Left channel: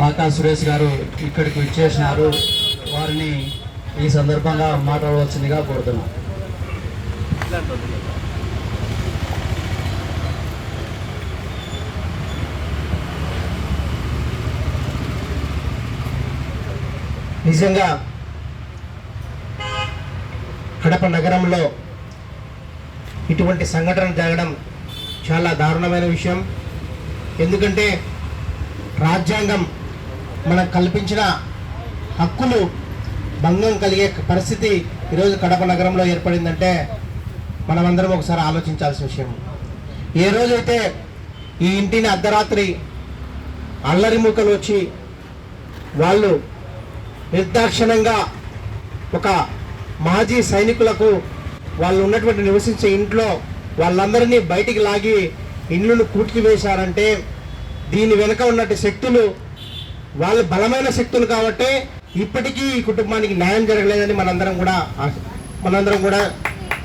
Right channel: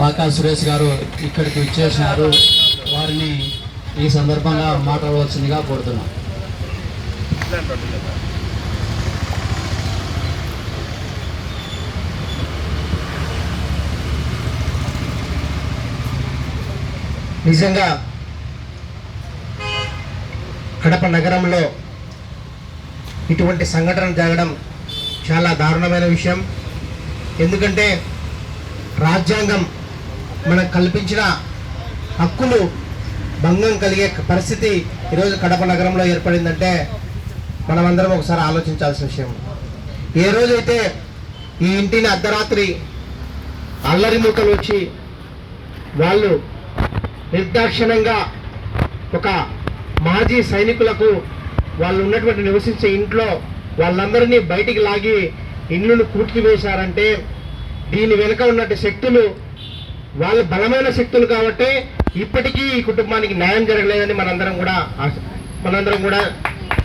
పాకా సురేష్ గారు ఇక్కడికి ఇచ్చేసినారు వారిని ఈ సందర్భంగా మాట్లాడవలసిందిగా కోరుతున్నాం. నిజంగా కడప నగరంలో ఇటువంటి సంఘటన జరగడం చాలా దారుణమైన విషయం. ఎందుకంటే రాజ్యాంగం మనకు కల్పించిన హక్కులు భంగం కలిగే పరిస్థితి ఈరోజు కడప నగరంలో ఏర్పడిందంటే మనమందరం ఒకసారి ఆలోచించాల్సిన విషయం. ఏ రోజైతే ఈ ఇంటిని అర్ధరాత్రి అల్లరి ముక్కలు వచ్చి వాళ్ళు నిర్దాక్షిణంగా ఒక మాజీ సైనికులకు వాళ్ళు ఉన్నటువంటి నివసించే ఇంట్లో వాళ్ళందరినీ బయటికి లాగి ఇండ్లను కూటికి వేశారంటే దీని వెనుక ఉన్నట్టు శక్తులు వాళ్ళు బలమైన శక్తులు కాబట్టి ఇప్పటికీ ఈ కుటుంబానికి న్యాయం జరగలేదని మనందరం కూడా మనందరం కూడా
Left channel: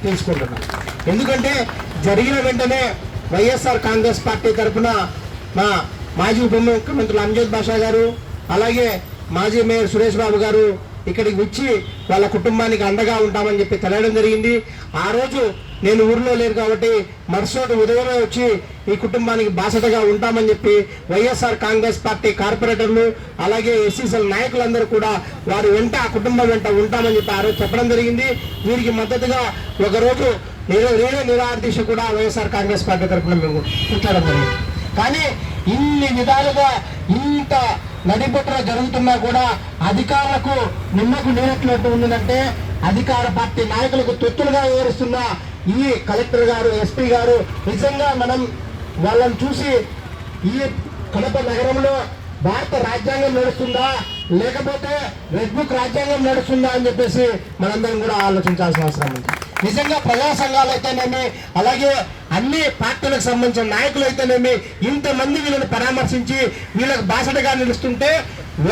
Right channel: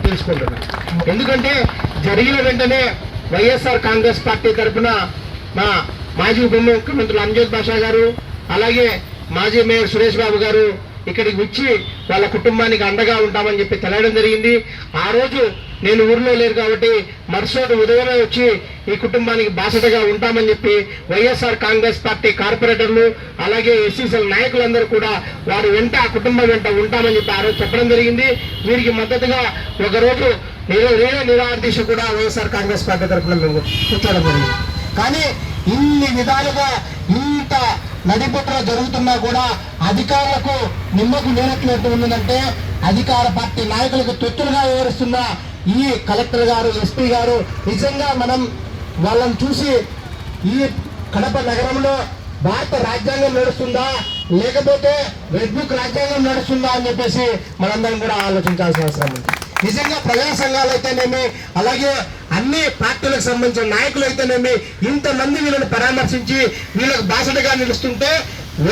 తెలుసుకుంటున్నాం. ఎందుకంటే జరిగిన వెంటనే వైఎస్ఆర్ కాంగ్రెస్ పార్టీ తరఫున మా మాజీ ఉప ముఖ్యమంత్రులు అంజద్ బాషా గారు అలాగే మాజీ మేయర్ సురేష్ బాబు గారు ఇక్కడికి వచ్చి వాళ్ళ కుటుంబానికి అండగా ఉంటామని చెప్పి తెలియడం జరిగింది. ఆ రోజు నేను ఊర్లో లేరు కాబట్టి మరుసటి ఉదయమే వచ్చి ఈ కుటుంబానికి బాసటగా ఉంటామని చెప్పి వైఎస్ఆర్ కాంగ్రెస్ పార్టీ కార్పొరేటర్లు అలాగే ఎస్సీసీల నాయకులందరూ కూడా వారి వెంట ఆ కుటుంబం వెంట ఉంటామని చెప్పి ఆ రోజు చెప్పడం జరిగింది. వీరికి మద్దతుగా ఒకరోజు నేను నేనే నిరాదీశ కూడా వైఎస్ఆర్ కాంగ్రెస్ పార్టీ తరఫున మేము కూర్చోవడం కానీ ఇన్ని విధాలుగా ఇంత నడిబొట్టున జరుగుతున్నా కూడా అధికారులకు నిమ్మకు నేనెట్టినట్టు ఉందంటే అధికార పార్టీ నాయకులకు తొత్తులుగా వివరిస్తున్న ఈ కలెక్టర్ గారు ఎస్పీ గారు నిజంగా మనం వాళ్ళని చూసి ఈ కడప నగరంలో భారత రాజ్యాంగం నడుస్తుందా? లేకపోతే రెడ్ బుక్ రాజ్యాంగం నడుస్తుందా అని చెప్పేసి మనందరం కూడా ఆలోచించాల్సిన అవసరం ఉంది. నిజంగా ప్రజా సంఘాలు అయితేనేమి అలాగే అన్ని పార్టీలకు సంబంధించిన నాయకులు అయితేనేమి ఇంతమంది వీళ్ళని పరామర్శించి వీళ్ళకు బాసటగా నిలుస్తుంటే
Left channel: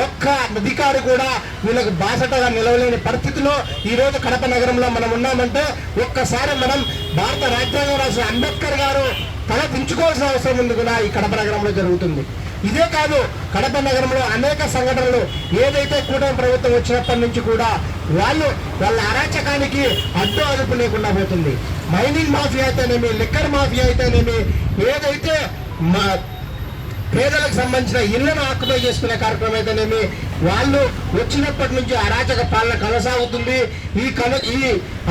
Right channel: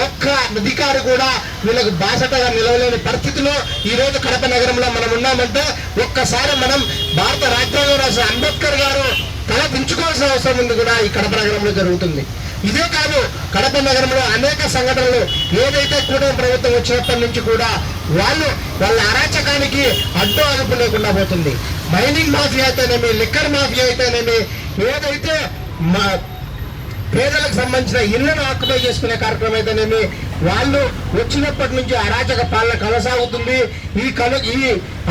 ఒక్క అధికారి కూడా వీళ్ళకు బాసటగా నిలవలేని పరిస్థితిలో ఈ రోజు కడప నగరంలో మనం ఉన్నామంటే ఒక్కసారి మనం భారత రాజ్యాంగం రాసిన అంబేద్కర్ గారు తల దించుకోవాల్సిన అవసరం ఉంది కూడా ఈ కడప నగరంలో జరుగుతుంది. ఇదే కాదు కడప నగరంలో అనేక సంఘటనలు ఏదైతే కూటమి ప్రభుత్వం వచ్చినప్పటి నుంచి కూడా వాళ్ళు వాళ్ళ అరాచకానికి అడ్డు అదుపు లేకుండా పోతుంది. మైనింగ్ మాఫియా అయితేనేమి లిక్కర్ మాఫియా అయితేనేమి ఏదైతే మా పేదలకు సంబంధించిన ఇళ్ళను ఆక్యుపై చేసుకునే కార్యక్రమం అయితేనేమి వాళ్ళు వచ్చినప్పటి నుంచి అరాచక పాలన కొనసాగుతుంది. ఈ కను ఈ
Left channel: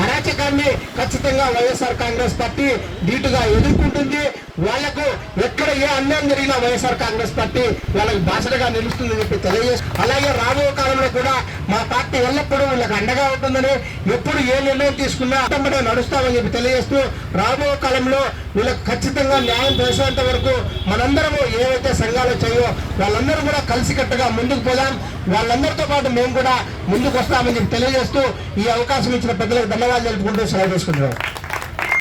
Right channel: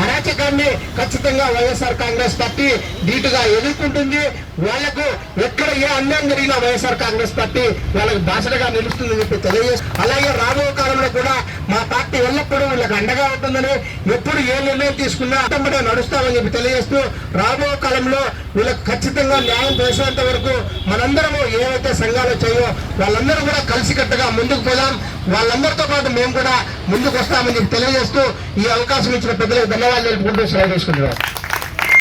అరాచకాన్ని ఖచ్చితంగా వైఎస్ఆర్ కాంగ్రెస్ పార్టీ ధీటుగా ఎదుర్కొంటుంది. వాళ్ళకు ఎక్కడ ఏ అన్యాయం జరిగినా వైఎస్ఆర్ కాంగ్రెస్ పార్టీ వాళ్ళకు బాసటగా నిలుస్తుందని చెప్పి తెలియజేసి అలాగే రాబోయే కాలంలో కూడా మా పార్టీ ఎల్లప్పుడూ వీళ్ళకి అండగా ఉంటుందని ఎప్పుడు ఏ నిర్ణయం తీసుకున్నా అట్టంబడే నడుస్తామని చెప్పి తెలియజేస్తూ రాబోయే కాలంలో వీళ్ళకు ఖచ్చితంగా న్యాయం చేసేంత వరకు మనందరము ఏవైతే సంఘాలు వచ్చాయో వాళ్ళందరూ కూడా కలిసికట్టుగా ముందుకు పోదాం. వాళ్ళందరితో పాటు మేము కూడా ముందుకు వస్తామని తెలియజేస్తూ ఈ అవకాశం ఇచ్చిన పెద్దలకు ధన్యవాదాలు తెలుపుకుంటూ సెలవు తీసుకుంటున్నాం.